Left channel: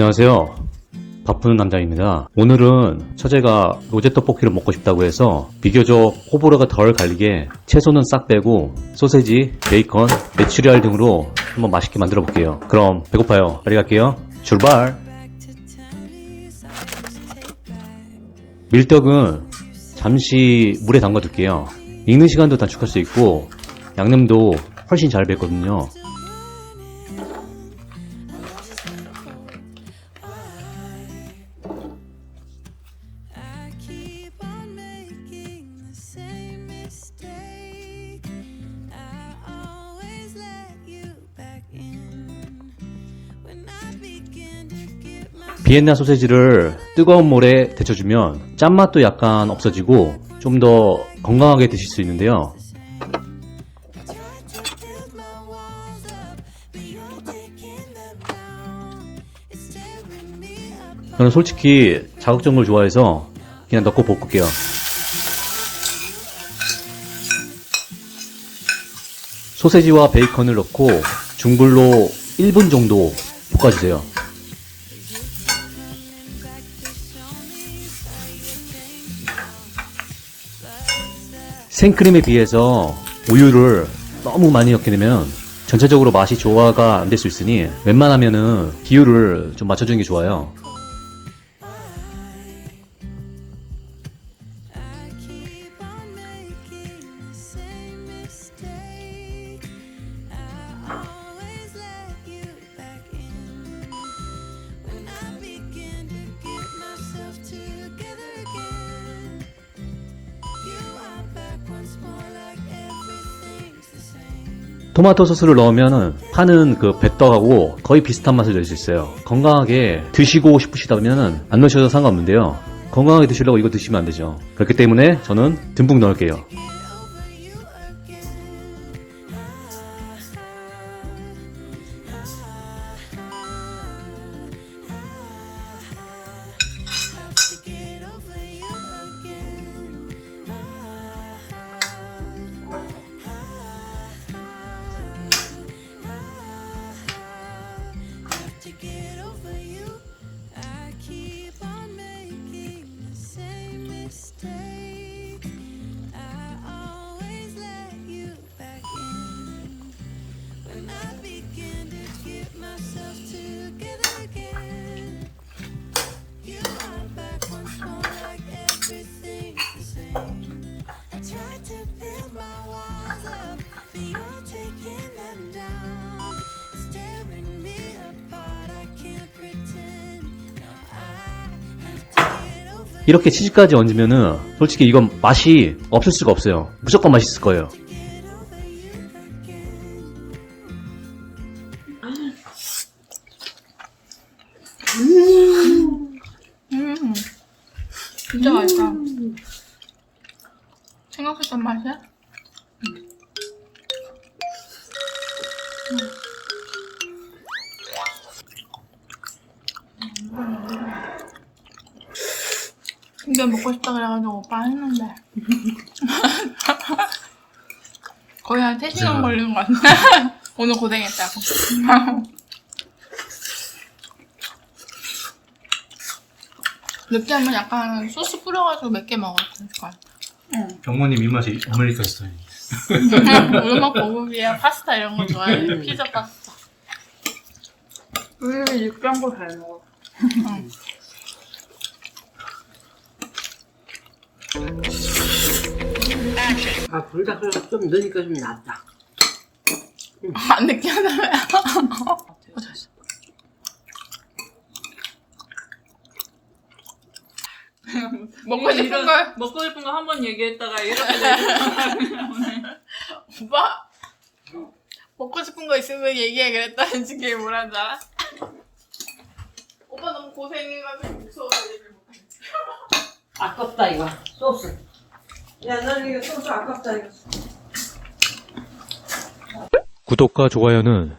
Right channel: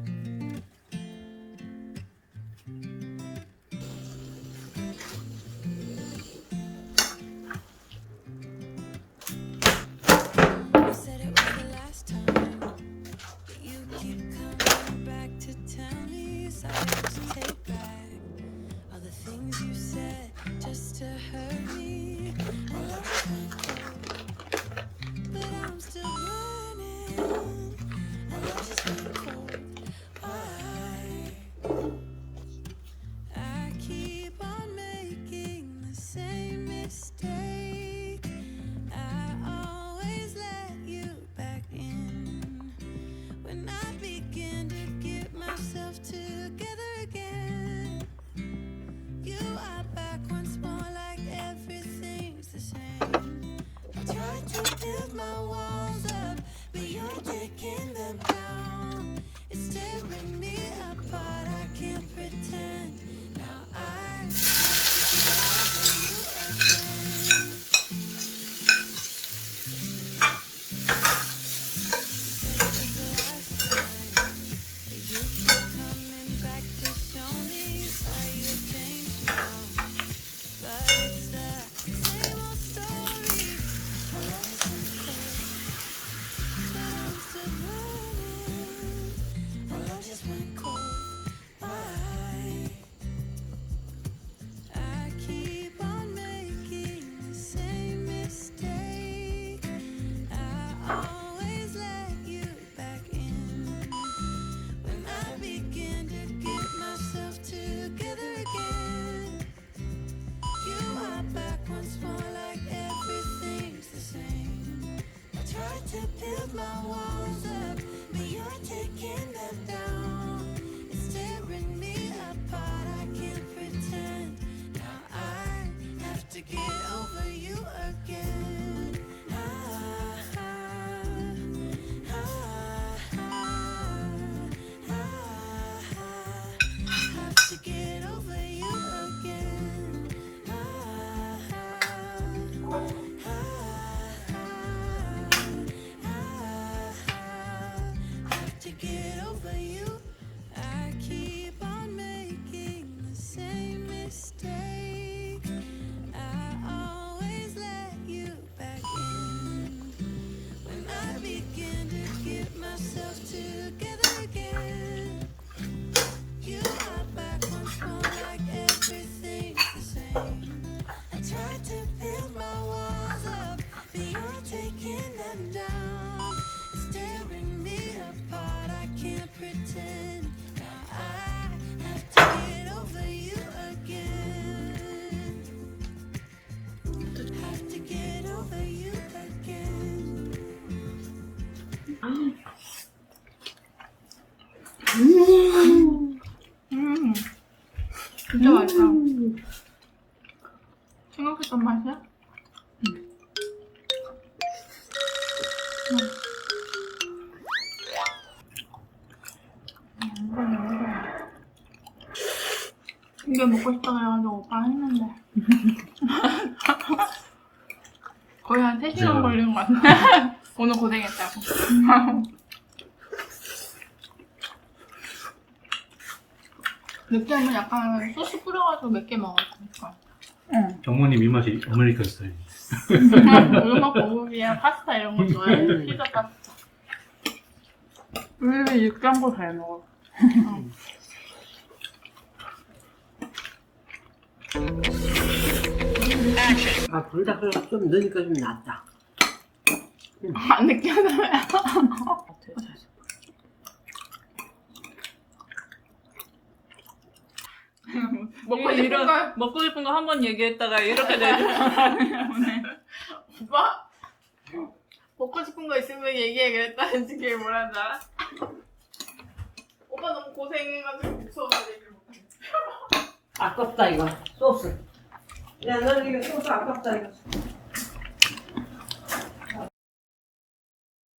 안녕하세요. 바쁘는 남자입니다. 오늘은 처제가 로제 떡볶이를 먹고 싶다고 해서 비교적 호불호가 덜 갈리게 채소는 싹 빼고 소세지, 베이컨, 메추리알 등으로 한번 맛있게 만들어 볼게요. 그럼 배고파요. 빨리 갈게요. 출발! 밀떡은 잠시 물에 담가 둘게요. 익는 시간도 단축할 수 있고 양념도 훨씬 잘 뱄거든요. 비엔나 소세지를 뜨거운 물에 데쳐주면 짠맛도 약간 없어지고 좀 더 건강하게 드실 수 있는데요. 저는 솔직히 자극적인 걸 좋아해서 그냥 넣고 볶을게요. 소세지와 베이컨을 넣고 중불로 1분 정도 볶아주세요. 생크림에 비해서 우유를 너무 많이 넣게 되면 전체적으로 맛이 조화가 안 될 수 있으니 웬만하면은 비율을 좀 맞춰주는 게 좋아요. 토마토 소스를 넣으면 파는 그 배떡하고 거의 비슷한 맛을 낼 수 있어요. 건강하게 드시고 싶으시다면 안 넣으셔도 상관없는데요. 건강하게 드시려고 이거 드시면 안 되죠. 그렇기 때문에 저는 듬뿍 넣을게요. 이렇게 치즈까지 얹으면은 솔직히 이건 맛이 없을 수가 없어요. 무조건 맛있을 거예요. 진짜 맛있다. 생각했던 맛이야? 이게 먹고 싶다 그래가지고 오빠 했는데 거의 한 3시간 걸린 것 같아. 오늘 고생했다고. 느끼하면 약간 소스 뿌려가지고 몇 개 먹어도 좋을 것 같아. 응. 경모님 입맛이 아메리칸 스타일. 음악 고급이야. 파스타 이런 거 좋아해. 피자 파스타. 우리 육개한 거 잘 먹어. 응. 아, 불닭 좀 넣으니까 좀 낫다. 안 느끼하다며요. 잘했어. 먹고 싶은 거 한 번 얘기했다가 이렇게 되면 오빠 먹고 싶은 거 있으면 얘기해 그랬다는 게 뭐라는 줄 알아? 오빠 너무 고생해가지고 무서워서 얘기를 못해. 아깝다, 이거. 소스. 야, 너는 이거 소스 아깝다, 이거. 구독과 좋아요는